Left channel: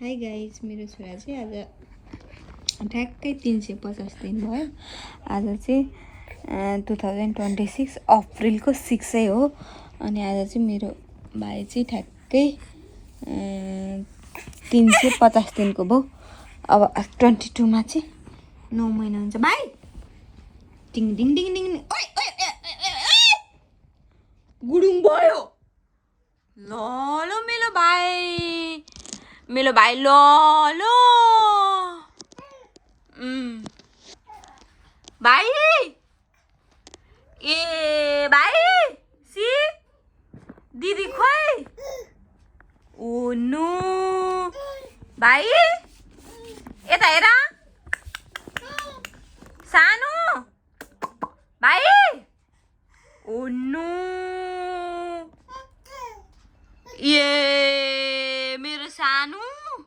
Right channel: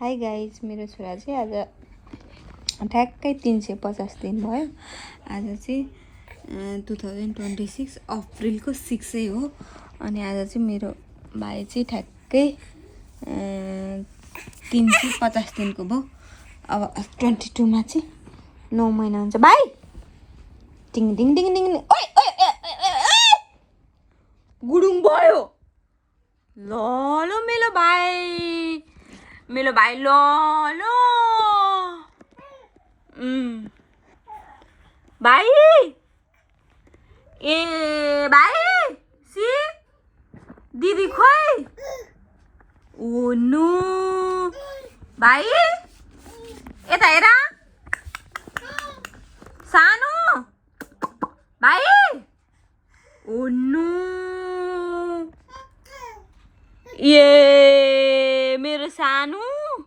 Hi guys, मेरो छोरा चाहिँ आज ठ्याक्कै 350 दिन भयो। आज चाहिँ 2026 अप्रिलको 6 हो। अनि आज चाहिँ मेरो भाइ चाहिँ ठ्याक्कै 350 दिनको भयो। अब 22 चाहिँ 9 महिना हुन्छ। भाइ टिङ टिङ टिङ टिङ ओइ ओइ गुडुङ भयो। ल मेरो भाइ ल भाइ ए भाइ सी दिदी खोइ ओ नो भाइ यता हेर सानो भाइ ओ नो ए मेरो सानो